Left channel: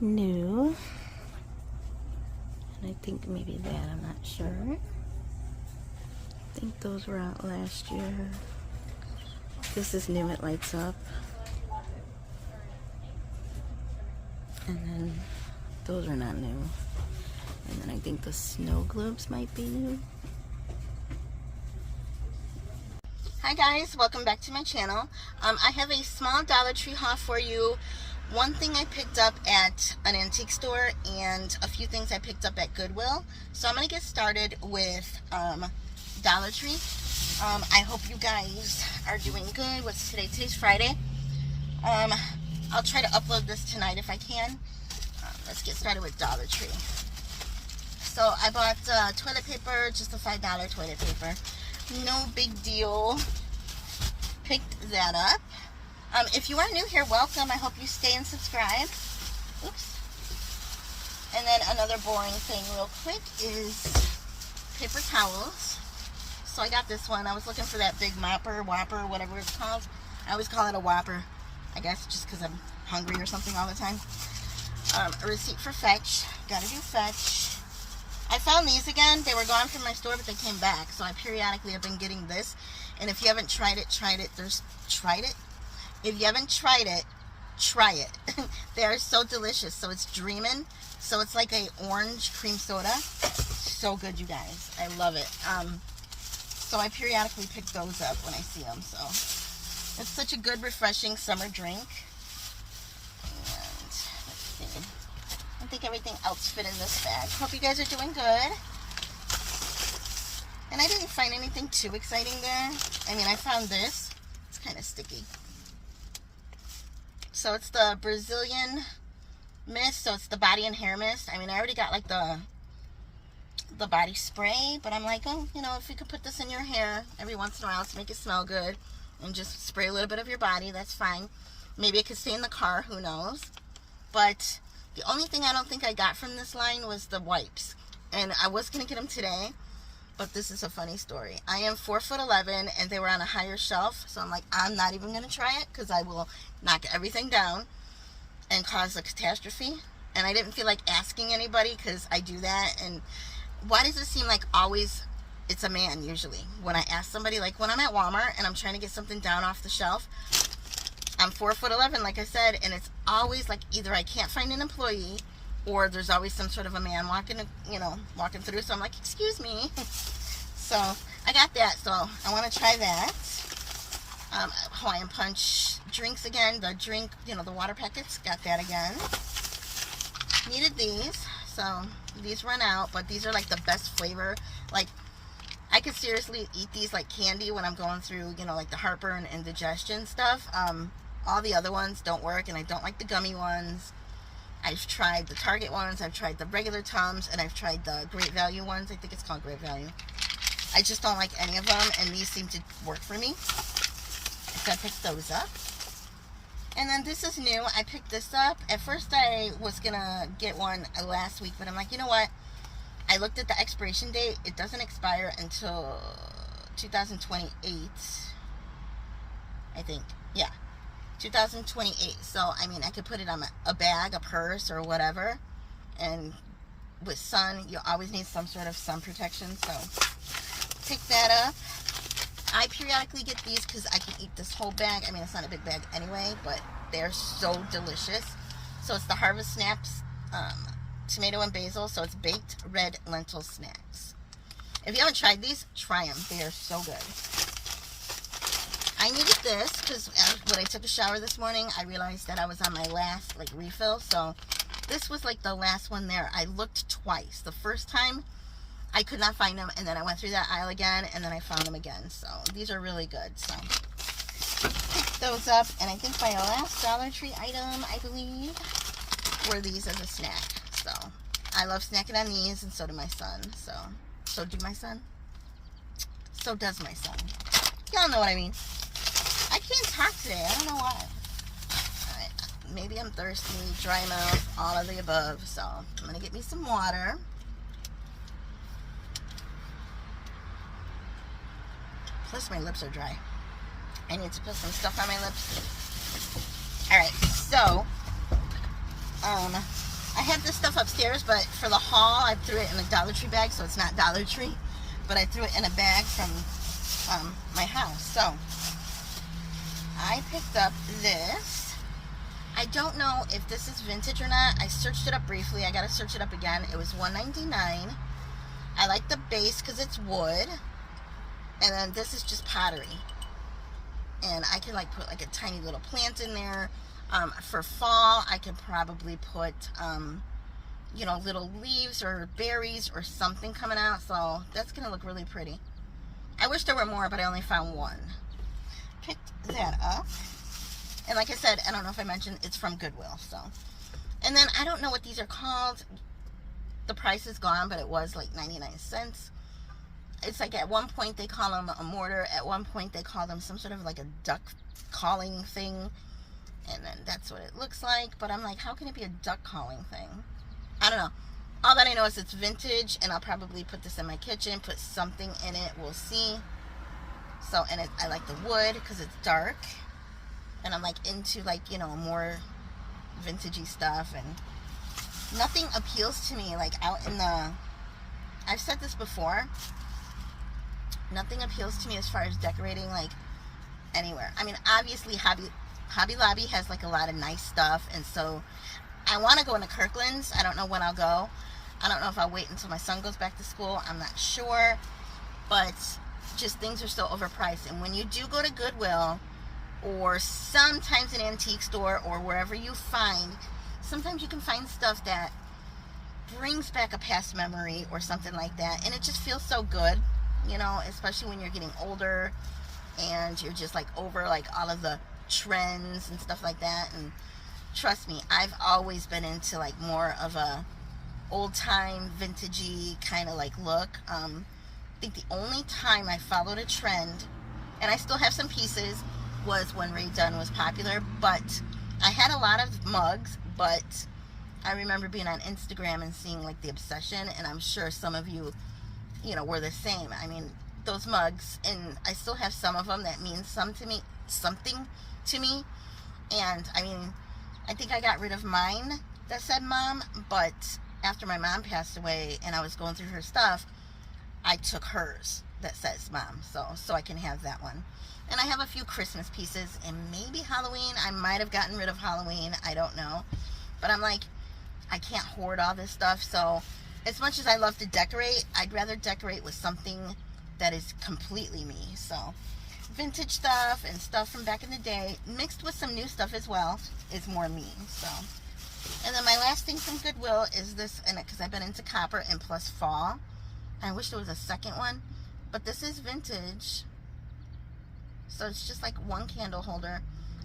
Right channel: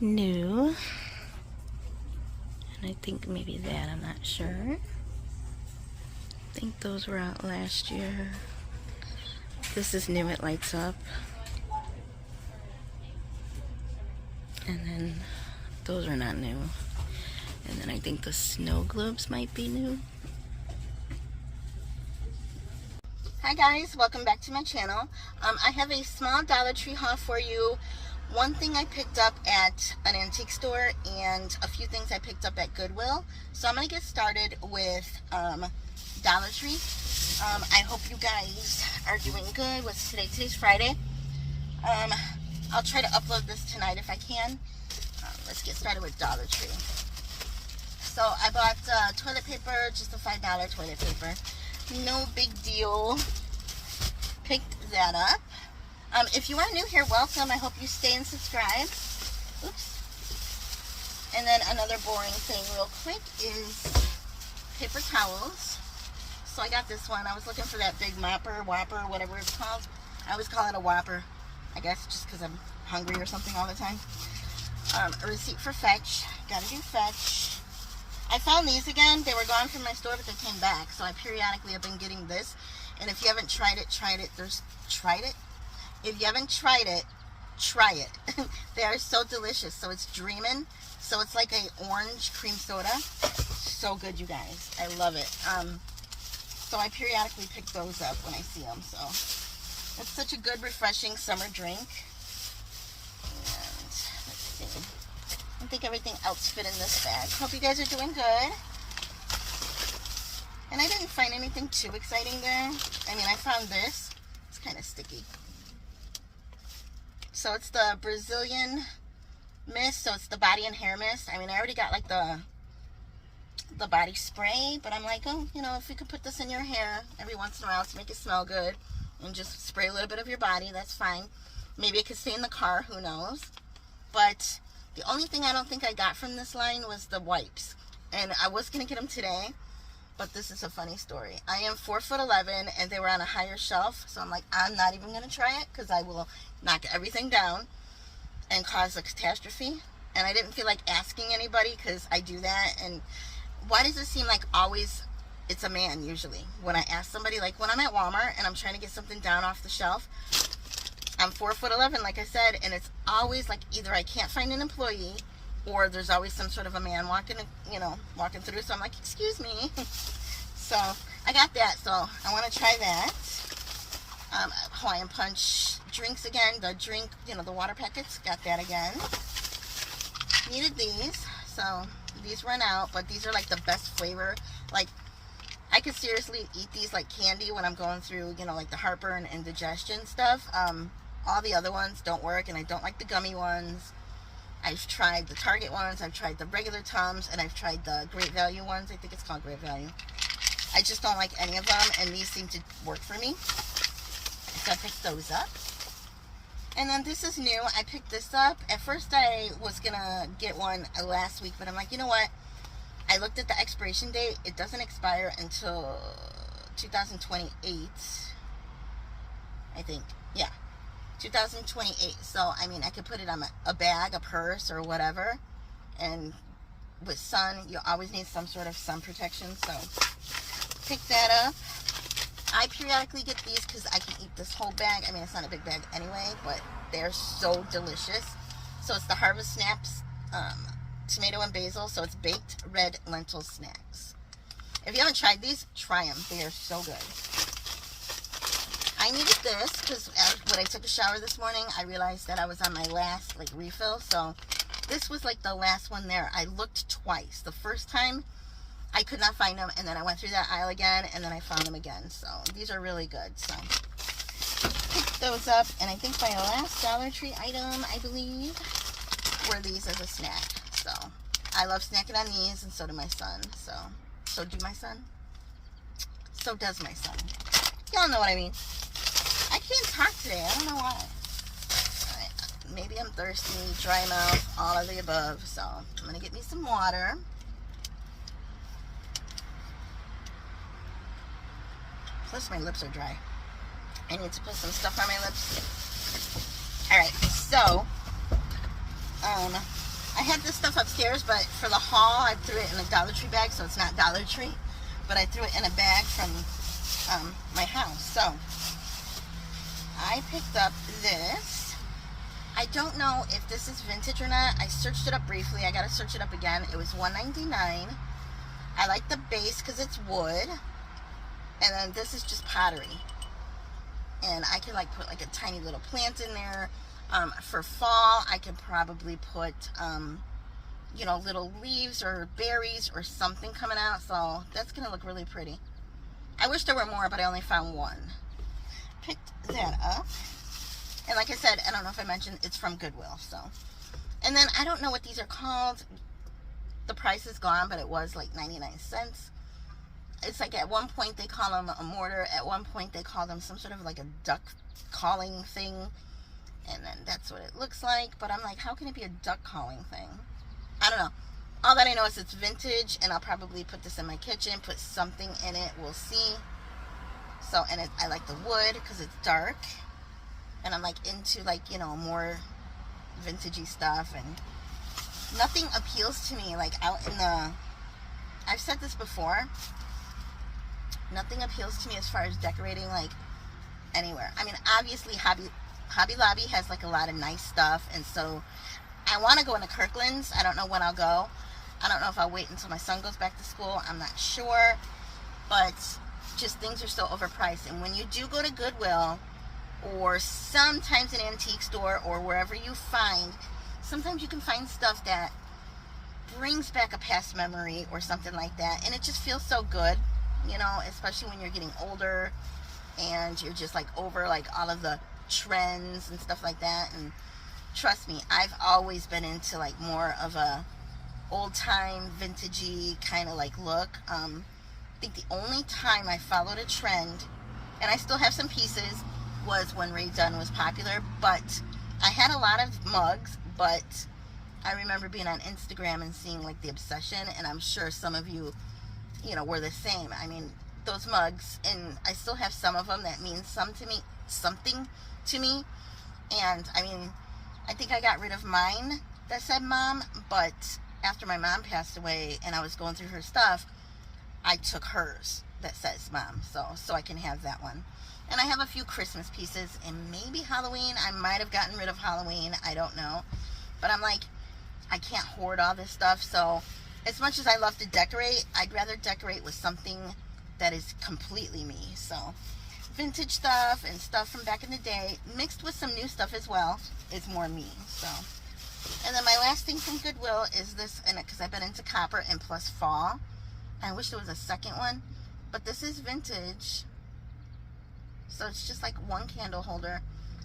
new. And I think maybe that, I'm not sure. I think those were out last year. This is new, it lights up. And then those are not new. And then I think the snow globes might be new. Hi guys, welcome back to my channel. I have a small Dollar Tree haul for you. One thing I picked up at an antique store and a few things I picked up at Goodwill. So I'm going to get started with Dollar Tree. I hope you guys are doing good. What's today? Today's Friday. I'll try to upload this tonight if I can. Let's get started with Dollar Tree. So I bought toilet paper, just a $5 toilet paper. No big deal. Picked that up. If you are new here, welcome. I hope you stay and subscribe. Oops. And then another boring thing real quick is paper towels. So I got this one. I was looking for that big mopper, whopper, whatever it's called. I always call it a whopper. I guess just because I'm hungry or something all the time. A receipt for Fetch. Gotta do Fetch. I found these again. They were gone from my store, but they came back. So I periodically have been getting this. And if you haven't tried it, tried it. If you haven't tried it, try it. They are so delicious. So it's Dreamin'. So it's like a orange cream soda. So good, you guys. I love it. So I periodically pick those up when I see them. So it's such a good, refreshing summer drink. And let's see. I think everything else fit in this bag. Hope you guys are doing good. And I didn't find anything too exciting there. I mean, I found this. It's kind of sticky. So it's the Brazilian mist. So it's the body and hair mist. I mean, I already got like the body spray. But I'm like, oh, you know, if you could put this in your hair every once in a while to make it smell good. And just spray a little bit of your body. That's fine. Maybe it could stay in the car. Who knows? But the only thing I don't think I got from this line was the wipes. And I was going to get them today. But this is a funny story. I am 4'11" and they were on a higher shelf. So I'm like, I'm not even going to try it because I will knock everything down and cause a catastrophe. And I didn't feel like asking anybody because I do that. And why does it seem like always it's a man usually? When I ask somebody, like when I'm at Walmart and I'm trying to get something down off the shelf, I'm 4'11", like I said, and it's always like either I can't find an employee or there's always some sort of a man walking through. So I'm like, excuse me. So I got that. So I want to try that. Hawaiian Punch drinks again. The drink, the water packets. Got that again. Needed these. So these run out, but these are like the best flavor. Like I could seriously eat these like candy when I'm going through, like the heartburn and digestion stuff. All the other ones don't work, and I don't like the gummy ones. I've tried the Target ones, I've tried the regular Tums, and I've tried the Great Value ones. I think it's called Great Value. I just don't like any of them, and these seem to work for me. So I picked those up. And then this is new. I picked this up. At first I was going to get one last week, but I'm like, you know what? I looked at the expiration date. It doesn't expire until 2028, I think. Yeah. 2028. So I mean, I could put it on a bag, a purse, or whatever. And with sun, you always need some sort of sun protection. So pick that up. I periodically get these because I can eat this whole bag. I mean, it's not a big bag anyway, but they're so delicious. So it's the Harvest Snaps tomato and basil. So it's baked red lentil snacks. If you haven't tried these, try them. They are so good. I needed this because when I took a shower this morning, I realized that I was on my last refill. So this was like the last one there. I looked twice. The first time I could not find them, and then I went through that aisle again, and then I found them again. So these are really good. So picked those up, and I think my last Dollar Tree item, I believe, were these as a snack. So I love snacking on these, and so do my son. So do my son. So does my son. Y'all know what I mean. I can't talk today. I don't know why. Alright. Maybe I'm thirsty, dry mouth, all of the above. So I'm going to get me some water. Plus my lips are dry. I need to put some stuff on my lips. Alright. So I have this stuff upstairs, but for the haul, I threw it in a Dollar Tree bag, so it's not Dollar Tree, but I threw it in a bag from my house. So I picked up this. I don't know if this is vintage or not. I searched it up briefly. I gotta search it up again. It was $1.99. I like the base because it's wood, and then this is just pottery. And I can like put like a tiny little plant in there. For fall, I can probably put, you know, little leaves or berries or something coming out. So that's going to look really pretty. I wish there were more, but I only found one. Picked that up. And like I said, I don't know if I mentioned, it's from Goodwill. So, and then I don't know what these are called. The price is gone, but it was like 99 cents. It's like at one point they call them a mortar. At one point they call them some sort of like a duck calling thing. And then that's what it looks like. But I'm like, how can it be a duck calling thing? I don't know. All that I know is it's vintage. And I'll probably put this in my kitchen. Put something in it. We'll see. So, and I like the wood because it's dark. And I'm like into like, you know, more vintagey stuff. And nothing appeals to me like out in the... I've said this before. Nothing appeals to me as far as decorating like anywhere. I mean, obviously Hobby Lobby has like a lot of nice stuff, and so I want to go into Kirkland's. I don't know when I'll go. I don't know if I'll wait until my son goes back to school. I'm not sure, but just things are so overpriced. And when you do go to Goodwill or sometimes an antique store or wherever you find, sometimes you can find stuff that brings back a past memory or something like that, and it just feels so good, you know, especially when you're getting older and you're just like over like all of the trends and stuff like that. And trust me, I've always been into like more of a old time vintagey kind of like look. I think the only time I followed a trend, and I still have some pieces, was when Ray Dunn was popular. But I had a lot of mugs, but I remember being on Instagram and seeing like the obsession, and I'm sure some of you, you know, were the same. I mean, those mugs, and I still have some of them that mean something to me. And I mean, I think I got rid of mine that said mom, but after my mom passed away and I was going through her stuff, I took hers that says mom, so I can have that one. And I have a few Christmas pieces, and maybe Halloween. I might have gotten rid of Halloween, I don't know, but I'm like, I can't hoard all this stuff. So as much as I love to decorate, I'd rather decorate with something that is completely me. So vintage stuff and stuff from back in the day mixed with some new stuff as well is more me. So, and then my last thing from Goodwill is this, and because I've been into copper and plus fall. I wish there was a second one, but this is vintage. So it's just like one candle holder,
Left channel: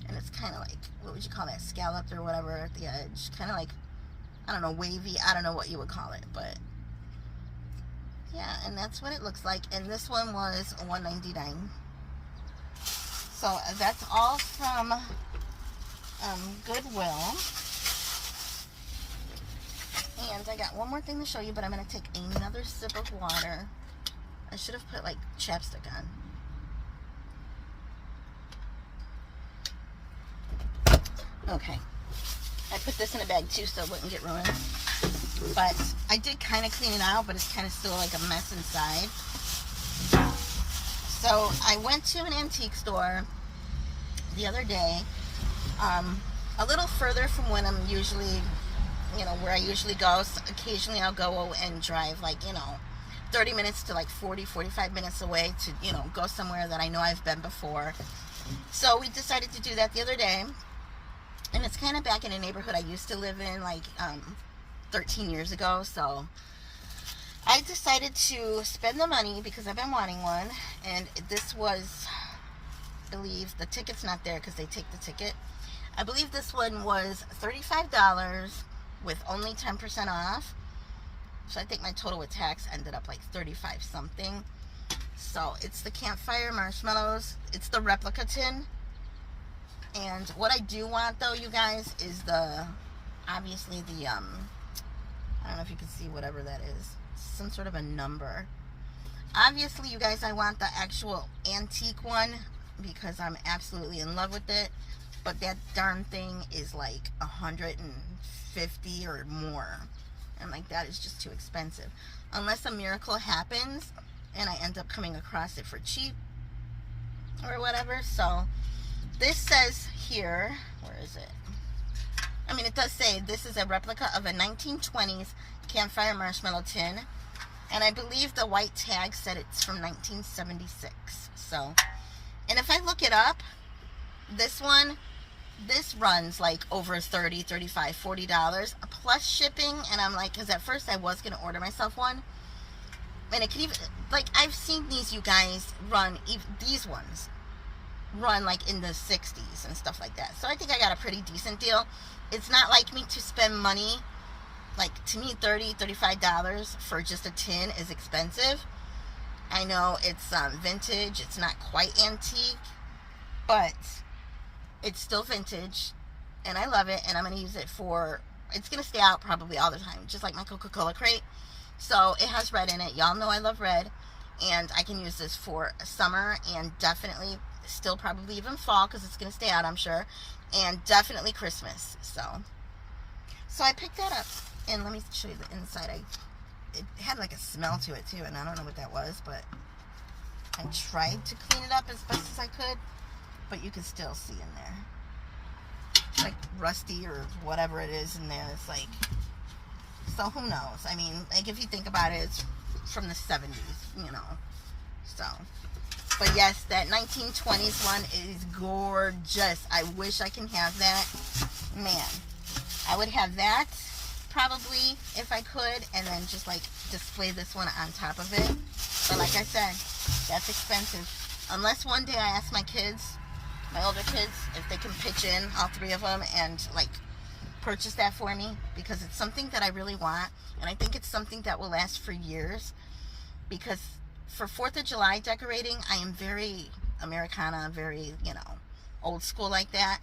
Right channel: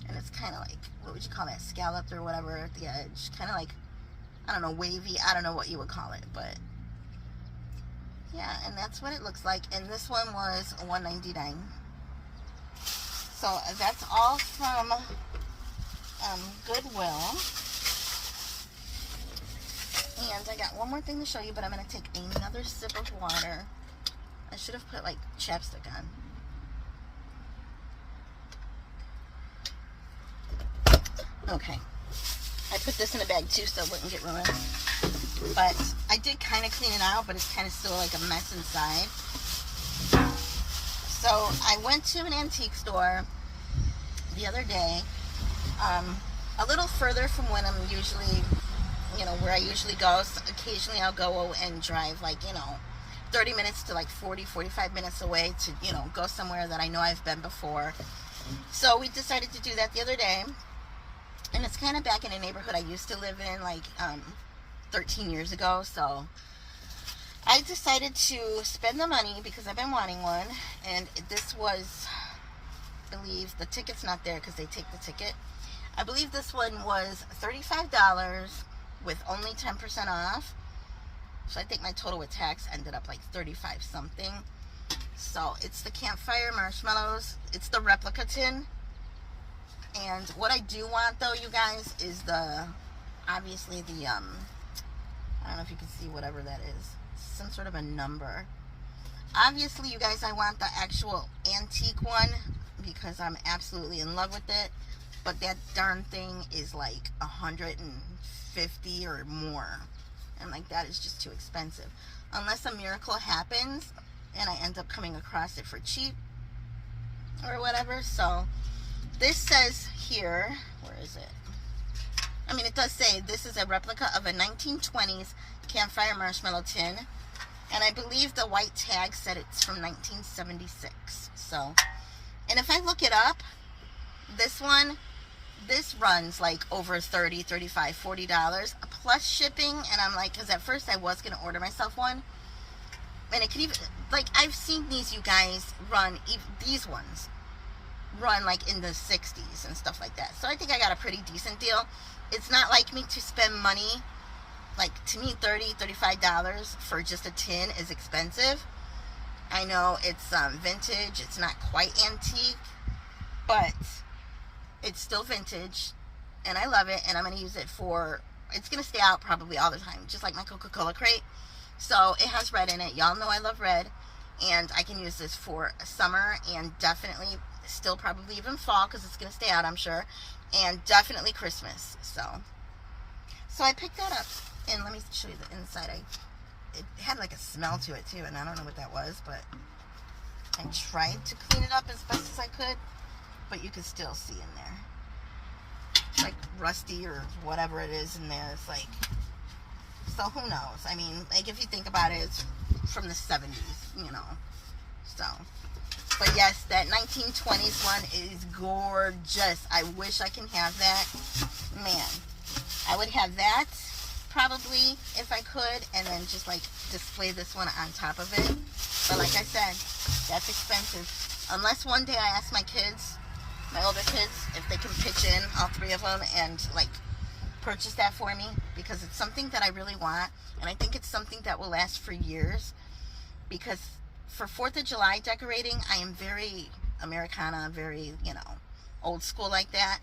and it's kind of like, what would you call that, scalloped or whatever at the edge, kind of like, I don't know, wavy. I don't know what you would call it, but yeah, and that's what it looks like. And this one was $1.99. So that's all from Goodwill. And I got one more thing to show you, but I'm going to take another sip of water. I should have put like chapstick on. Okay. I put this in a bag too so it wouldn't get ruined. But I did kind of clean it out, but it's kind of still like a mess inside. So I went to an antique store the other day, a little further from when I'm usually, you know, where I usually go. So occasionally I'll go and drive like, you know, 30 minutes to like 45 minutes away to, you know, go somewhere that I know I've been before. So we decided to do that the other day. And it's kind of back in a neighborhood I used to live in like 13 years ago. So I decided to spend the money because I've been wanting one. And this was, I believe, the ticket's not there because they take the ticket. I believe this one was $35 with only 10% off. So I think my total with tax ended up like 35 something. So it's the campfire marshmallows. It's the replica tin. And what I do want though, you guys, is the, obviously the, I don't know if you can see whatever that is. Some sort of a number. Obviously, you guys, I want the actual antique one because I'm absolutely in love with it. but that darn thing is like 150 or more. And like, that is just too expensive. Unless a miracle happens and I end up coming across it for cheap or whatever. So this says here, where is it? I mean, it does say this is a replica of a 1920s campfire marshmallow tin. And I believe the white tag said it's from 1976. So, and if I look it up, this runs like over $30, $35, $40 plus shipping. And I'm like, because at first I was going to order myself one. And it could even, like, I've seen these, you guys, these ones run like in the 60s and stuff like that. So I think I got a pretty decent deal. It's not like me to spend money. Like, to me, $30, $35 for just a tin is expensive. I know it's vintage. It's not quite antique, but it's still vintage, and I love it, and I'm going to use it for, it's going to stay out probably all the time, just like my Coca-Cola crate. So it has red in it. Y'all know I love red, and I can use this for summer, and definitely still probably even fall, because it's going to stay out, I'm sure, and definitely Christmas. So I picked that up, and let me show you the inside. It had like a smell to it too, and I don't know what that was, but I tried to clean it up as best as I could, but you can still see in there. It's like rusty or whatever it is in there. It's like, so who knows? I mean, like, if you think about it, it's from the 70s, you know. So, but yes, that 1920s one is gorgeous. I wish I can have that. Man, I would have that probably if I could, and then just like display this one on top of it. But like I said, that's expensive. Unless one day I ask my kids, my older kids, if they can pitch in, all three of them, and like purchase that for me, because it's something that I really want, and I think it's something that will last for years. Because for 4th of July decorating, I am very Americana, very, you know, old school like that.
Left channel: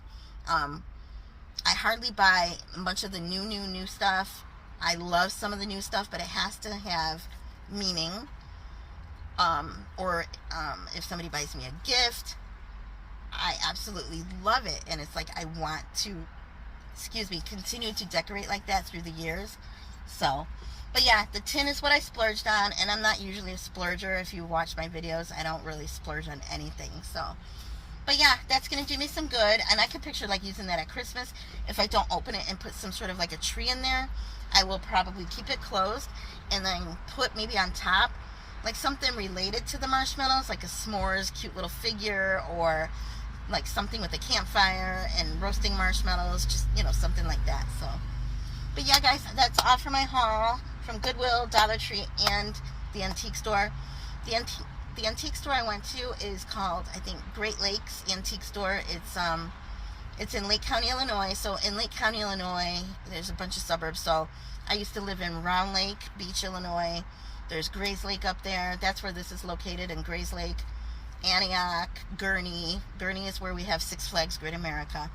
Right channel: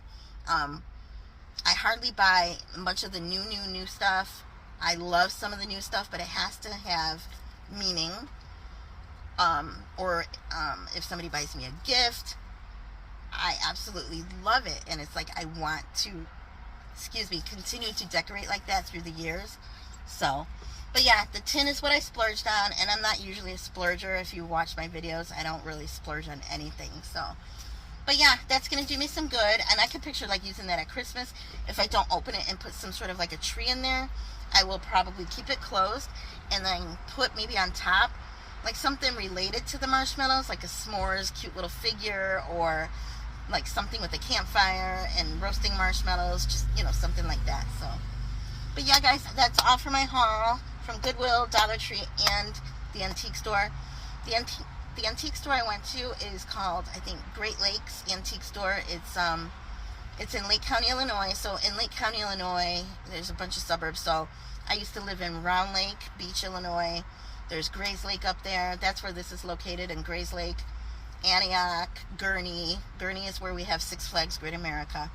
I hardly buy a bunch of the new stuff. I love some of the new stuff, but it has to have meaning. Or if somebody buys me a gift, I absolutely love it. And it's like I want to, continue to decorate like that through the years. So, but yeah, the tin is what I splurged on. And I'm not usually a splurger. If you watch my videos, I don't really splurge on anything. So, but yeah, that's going to do me some good. And I can picture like using that at Christmas. If I don't open it and put some sort of like a tree in there, I will probably keep it closed and then put maybe on top like something related to the marshmallows, like a s'mores cute little figure, or like something with a campfire and roasting marshmallows, just, you know, something like that. So, but yeah, guys, that's all for my haul from Goodwill, Dollar Tree, and the antique store. The antique store I went to is called, I think, Great Lakes Antique Store. It's in Lake County, Illinois. So in Lake County, Illinois, there's a bunch of suburbs. So I used to live in Round Lake Beach, Illinois. There's Grays Lake up there. That's where this is located, in Grays Lake. Antioch, Gurnee. Gurnee is where we have Six Flags Great America.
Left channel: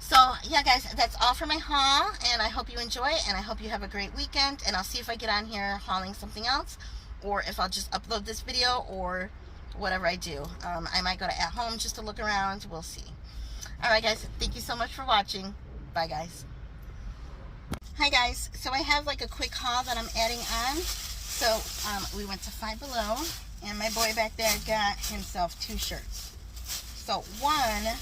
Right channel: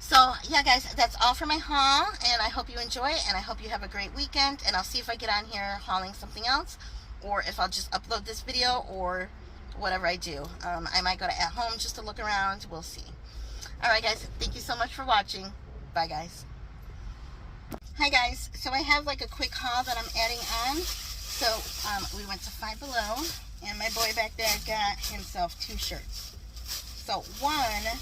So, yeah, guys, that's all for my haul, and I hope you enjoy it, and I hope you have a great weekend, and I'll see if I get on here hauling something else, or if I'll just upload this video, or whatever I do. I might go to At Home just to look around. We'll see. All right, guys, thank you so much for watching. Bye, guys. Hi, guys. So I have like a quick haul that I'm adding on. So we went to Five Below, and my boy back there got himself 2 shirts. So one,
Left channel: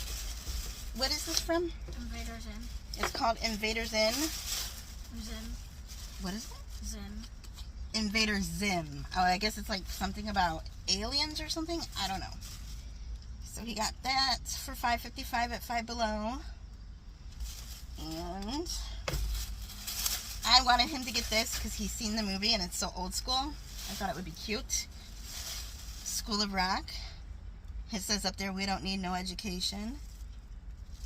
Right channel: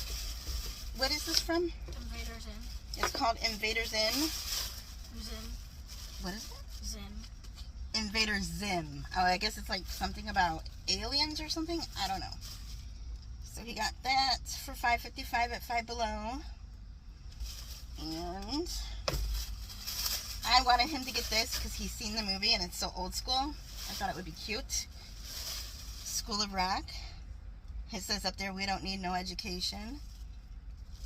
what is this from? Invaders In. It's called Invaders In. Zim. What is it? Zim. Invader Zim. Oh, I guess it's like something about aliens or something. I don't know. So he got that for $5.55 at Five Below. And I wanted him to get this because he's seen the movie and it's so old school. I thought it would be cute. School of Rock. It says up there, we don't need no education.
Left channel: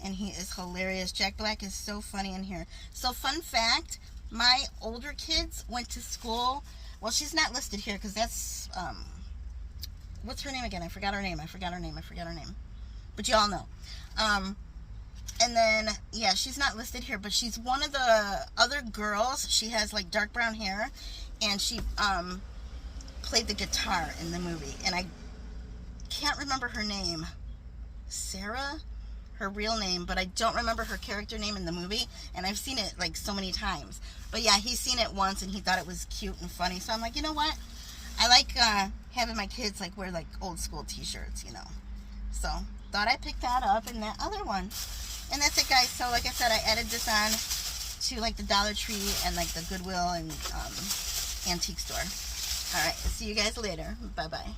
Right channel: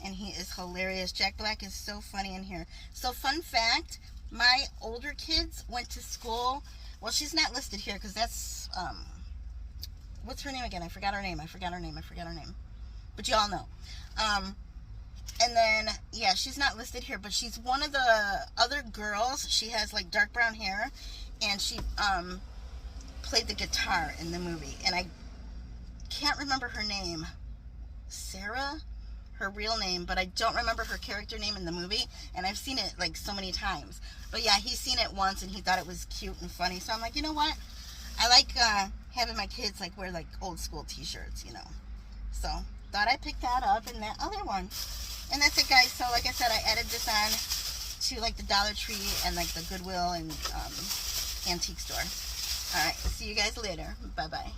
And he is hilarious. Jack Black is so funny in here. So fun fact, my older kids went to school. Well, she's not listed here because that's, what's her name again? I forgot her name. But you all know. And then, yeah, she's not listed here, but she's one of the other girls. She has like dark brown hair, and she played the guitar in the movie. And I can't remember her name. Sarah? her real name, but I don't remember her character name in the movie, and I've seen it like so many times. But yeah, he's seen it once and he thought it was cute and funny. So I'm like, you know what? I like having my kids like wear like old school t-shirts, you know. So thought I'd pick that up and that other one. And that's it, guys. So like I said, I added this on to like the Dollar Tree and like the Goodwill and antique store. All right, see you guys later. Bye-bye.